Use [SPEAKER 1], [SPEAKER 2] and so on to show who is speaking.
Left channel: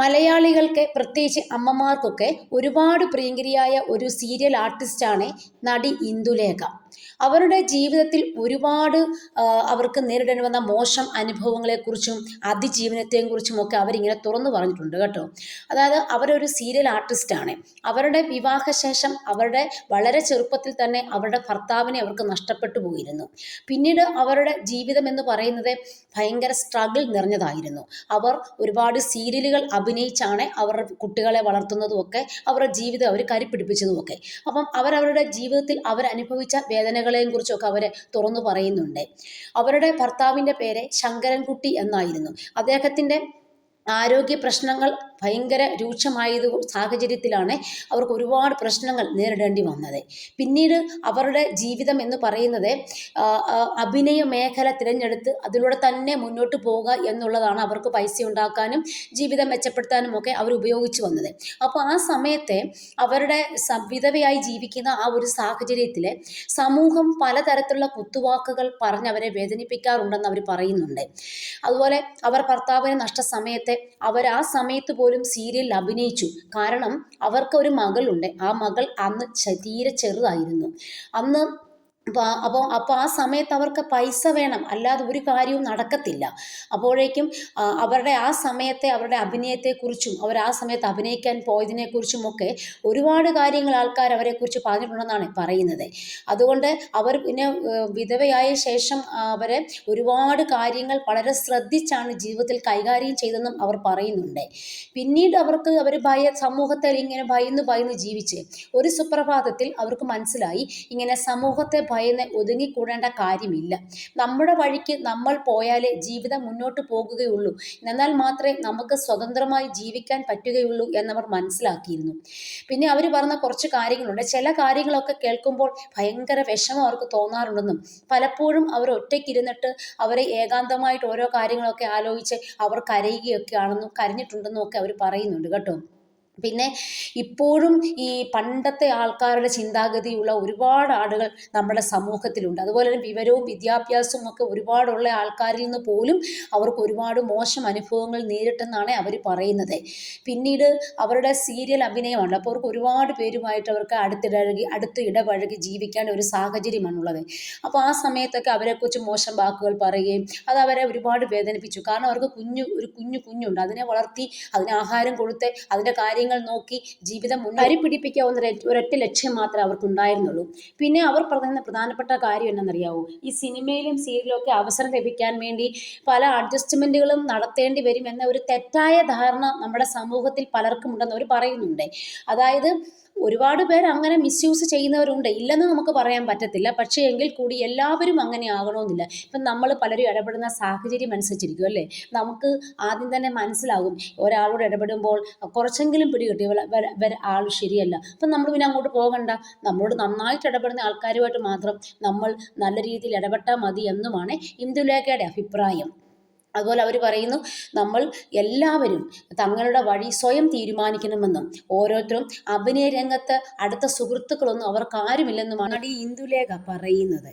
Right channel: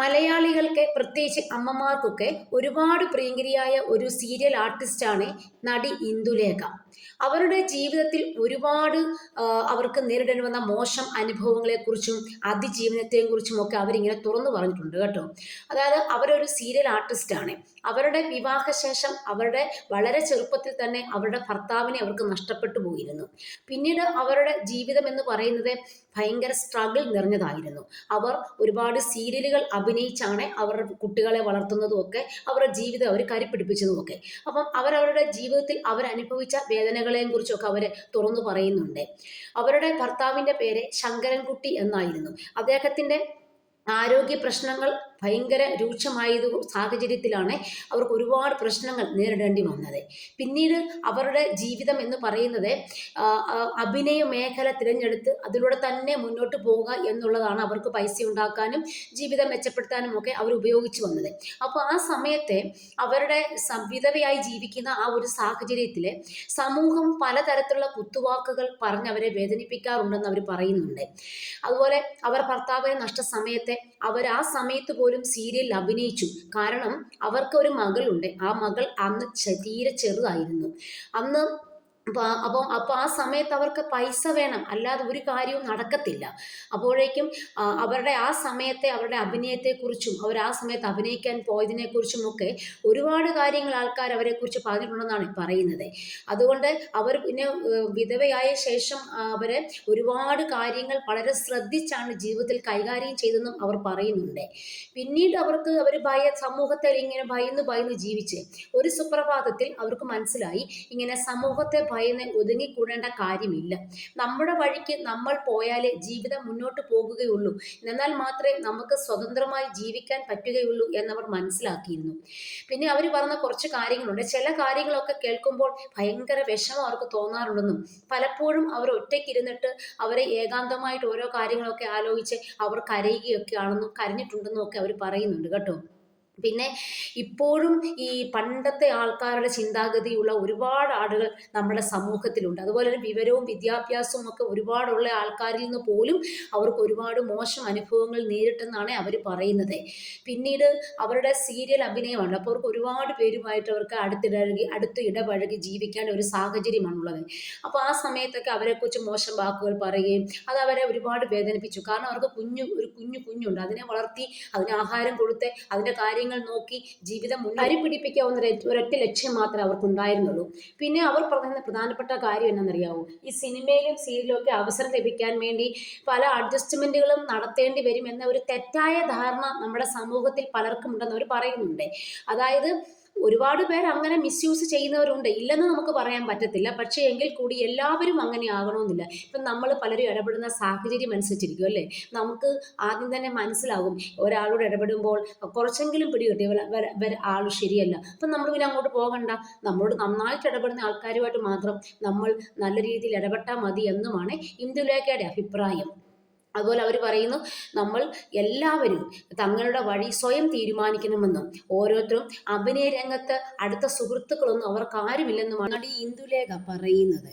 [SPEAKER 1] മലയാളികൾക്ക് പ്രത്യേകിച്ച് അമ്മമാർക്കൊക്കെ ഒരുപാട് പ്രിയങ്കരിയായ ഒരു സീരിയൽ ആർട്ടിസ്റ്റാണ് നടി ഇന്ദുലേഖ. അവരുടെ ജീവിതത്തിൽ ഒരുപാട് അവർക്ക് നേരിടേണ്ടി വന്ന മോശം അനുഭവങ്ങളെക്കുറിച്ചും അതിജീവനത്തെയും കുറിച്ചും ഒക്കെ അവരിങ്ങനെ തുറന്നു പറഞ്ഞിട്ടുണ്ട് കേട്ടോ. അതായത് അവരൊരു സീരിയൽ ആർട്ടിസ്റ്റാണ് അവരുടെ വിവാഹശേഷം അവരുടെ വളരെ ചെറുപ്പത്തിൽ തന്നെ അവരുടെ ഭർത്താവിനെ അവർക്ക് നഷ്ടപ്പെട്ടു പോയിരുന്നു. പിന്നീട് അവരുടെ ജീവിതം എന്ന് പറയുന്നത് ഭയങ്കര സ്ട്രഗിൾ നിറഞ്ഞതായിരുന്നു. അവർ ഒരുപാട് സീരിയലുകൾ അഭിനയിച്ചാണ് അവർ കുട്ടികളെ വളർത്തുന്നതും ഒക്കെ അവരുടെ ജീവിതം അവർ കരിപ്പിടിപ്പിച്ചതും ഒക്കെ അപ്പം അവരവരുടെ ജീവിതത്തിൽ അവരനുഭവിച്ച വേദനകളെയും കുറിച്ചൊക്കെ അവർ തുറന്നു പറയുന്നുണ്ട്. അവരുടെ ഭർത്താവിന്റെ പേര് ശങ്കരൻകുട്ടി എന്നായിരുന്നു. അദ്ദേഹത്തിന്റെ ആരോഗ്യ പ്രശ്നങ്ങൾ ഭയങ്കര രൂക്ഷമായത് സാഹചര്യത്തിലാണ് അവർക്ക് ഒരുപാട് പ്രശ്നങ്ങൾ നേരിടേണ്ടി വന്നത്. പിന്നീട് അവരുടെ ജീവിതം എന്ന് പറയുന്നത് അഭിനയ മേഖല തിരഞ്ഞെടുത്ത് അതിലൂടെ തന്നെ മുന്നോട്ട് പോകുക എന്നുള്ളതാണ് അവർക്ക് പൈസ ഉണ്ടാക്കാനും ജീവിതം മെച്ചപ്പെടുത്താനും ഒക്കെ അവർ ഉപയോഗിച്ചു വന്നത്. അപ്പോൾ ആ സമയത്തെ അവരുടെ വിധവയായി ജീവിക്കുന്ന ആ ഒരു സാഹചര്യത്തിൽ സമൂഹം പലതരത്തിലുള്ള കുത്തുവാക്കുകൾ പറഞ്ഞ് അവരെ വേദനിപ്പിക്കാറുണ്ടെന്ന് അവർ പറയുന്നുണ്ട്. അതുപോലെ അവർ ഭർത്താവിനെ നഷ്ട സമയത്തെ അവർ ആ സമയത്ത് സീരിയലിൽ അഭിനയിച്ചു. കാരണം അവർക്ക് ഒരു മകളുണ്ട്. ആ മകൾ അന്ന് തീരെ ചെറുതായിരുന്നു. അന്ന് അപ്പോൾ അപ്പോൾ അപ്പോൾ ആ സമയത്ത് അവർക്ക് പൈസ വേണം. അല്ലാതെ ഒരു കാര്യവും നടക്കത്തില്ല. അപ്പോഴേക്കും അവരുടെ ആ സമയത്തെ അവരുടെ അഭിനയത്തെക്കുറിച്ചും അവർ ആ സമയത്ത് അഭിനയിക്കാൻ പോയതിനെക്കുറിച്ചും ഒക്കെ ഒരുപാട് കാര്യങ്ങൾ ആൾക്കാർ അവരെക്കുറിച്ച് പറഞ്ഞിട്ടുണ്ടെന്നാണ് പറയുന്നത്. അതുകൊണ്ട് അവർ പിന്നെ വിധവയായ ശേഷം അവർ ഒരുപാട് കാര്യങ്ങൾ വളരെ ശ്രദ്ധിച്ചാണ് ജീവിതത്തിൽ കൈകാര്യം ചെയ്തതെന്നും അവർ പറയുന്നുണ്ട്. പിന്നീട് അവർക്ക് അവർ ഭയ സമൂഹത്തിൽ ഇങ്ങനെ ഭയന്ന് ഭയന്ന് ജീവിച്ച് ഒരു സുപ്രഭാതത്തിൽ അവർക്ക് മനസ്സിലായി. ഇങ്ങനെ സമൂഹത്തെ ഭയന്ന് ഒതുങ്ങിക്കൂടേണ്ട കാര്യമില്ല. നമ്മുടെ വഴിക്ക് നമ്മൾ പോയാലേ ജീവിതം മുന്നോട്ട് പോകുകയുള്ളൂ. എന്നാൽ മാത്രമേ നമുക്ക് സ്വതന്ത്രമായി ജീവിക്കാൻ പറ്റുകയുള്ളൂ എന്നവർ മനസ്സിലാക്കിയിരുന്നു. പിന്നെ അവർ പറഞ്ഞ കുറച്ച് കാര്യങ്ങളുണ്ട്. ചില കാര്യങ്ങളൊക്കെ കേൾക്കുമ്പോൾ ഭയങ്കര വിഷമം അവർക്ക് തോന്നാറുണ്ടെന്നും പലപ്പോഴും അവർ ഒറ്റയ്ക്കിരുന്നിട്ട് അവരെ ഏകാന്തമായിട്ട് ഓരോ കാര്യങ്ങളൊക്കെ ആലോചിച്ച് അവർ കരയുകയൊക്കെ ആണെന്നും കരഞ്ഞിട്ടുണ്ടെന്നും ഒക്കെ അവർ പറയുന്നുണ്ട് കേട്ടോ. പിന്നെ ഇപ്പോഴും ഈ പണ്ടത്തെ ആൾക്കാരുടെ ചിന്താഗതിയുള്ള ഒരുപാട് ആളുകൾ നമ്മുടെ സമൂഹത്തിലുണ്ട്. അതുപോലെ തന്നെ വിവരവും വിദ്യാഭ്യാസവും ഒക്കെ ഒരുപാടുള്ള ആൾക്കാരിൽ നിന്ന് പോലും അവർക്ക് ഒരുപാട് മോശം അനുഭവങ്ങൾ നേരിട്ടെന്നാണ് അവർ പറയുന്നത്. പിന്നീട് അവരുടെ സീരിയൽ അഭിനയമാണ്. അപ്പോൾ അവർക്ക് ഒരുപാട് പേരുമായിട്ട് അവർക്ക് അടുത്തിടപഴകി അടുത്ത് ഇടപഴകി ജീവിക്കാൻ ഒരു സാഹചര്യമാണുള്ളത്. അപ്പോൾ ആ സമയത്തൊക്കെ അവരെക്കുറിച്ച് മോശം വാക്കുകൾ പറയുകയും അത് അവരെ ഒരുപാട് വേദനിപ്പിച്ചു. കാരണം അവർക്ക് കുഞ്ഞു ഒരു കുഞ്ഞു കുഞ്ഞുണ്ട്. അതിനെ വളർത്തി അതിന് ആഹാരം കൊടുത്ത് അതിന്റെ കാര്യങ്ങൾ നോക്കി ജീവിതം മുന്നേറി പിടിപ്പിക്കാവുന്ന ഒരു- ഒരൊറ്റ ലക്ഷ്യം മാത്രമേ അവർക്കുണ്ടായിരുന്നുള്ളൂ. പിന്നെ അവർ പറയുന്ന പ്രധാനപ്പെട്ട കാര്യം എന്നാണെന്നറിയാവോ? ഈ സിനിമയിലും സീരിയലും ഒക്കെ അവസരം ലഭിക്കാൻ വേണ്ടി പല അഡ്ജസ്റ്റ്മെന്റുകളും നടത്തേണ്ടി വരും എന്ന ഒരു തെറ്റായ ധാരണ നമ്മുടെ സമൂഹത്തിൽ പലർക്കും ഉണ്ടെന്ന് അവർ പറയുന്നുണ്ട്. അതായത് ഒരുപാട് പേർ അങ്ങനെ മിസ്യൂസ് ചെയ്യുന്നവരുണ്ട്. ഇല്ലെന്ന് നമുക്ക് പറയാൻ പറ്റത്തില്ല. പക്ഷേ എങ്കിൽ കൂടി എല്ലാവരും അങ്ങനെ ആകണമെന്നില്ല. ഇപ്പം നമ്മൾ പലരും ഇടപെടുന്ന സാഹചര്യം അനുസരിച്ചിരിക്കും അല്ലേ? നമുക്ക് ആദ്യം തന്നെ മനസ്സിലാകും. ഒരാളോട് ഇടപെടുമ്പോൾ കുറച്ചെങ്കിലും പിടികിട്ടി. ഇവളെ- ഇവരെ- ഇവരെ ആൾ ശരിയല്ല. അപ്പം നമ്മൾ പിന്നെ അങ്ങോട്ട് പോകണ്ട. നമ്മളോട് നന്നായിട്ട് ഇടപെടുന്ന ആൾക്കാരുമായിട്ട് മാത്രം നമ്മൾ നല്ല രീതിയിൽ ഇടപെട്ടാൽ മതി എന്നുമാണ് ഇന്ദുലേഖയുടെ അഭിപ്രായം. അതുപോലെ അവർ പറയുന്നു നമ്മൾ എല്ലാവരും തങ്ങളുടെ വഴി സ്വയം തീരുമാനിക്കണമെന്നും ഓരോരുത്തരും അഭിനയ രംഗത്ത് അടുത്ത സുഹൃത്തുക്കളൊന്നും അവർക്ക് ആരുമില്ലെന്നുമാണ് ഈ ഇന്ദുലേഖ പറയുന്നത്.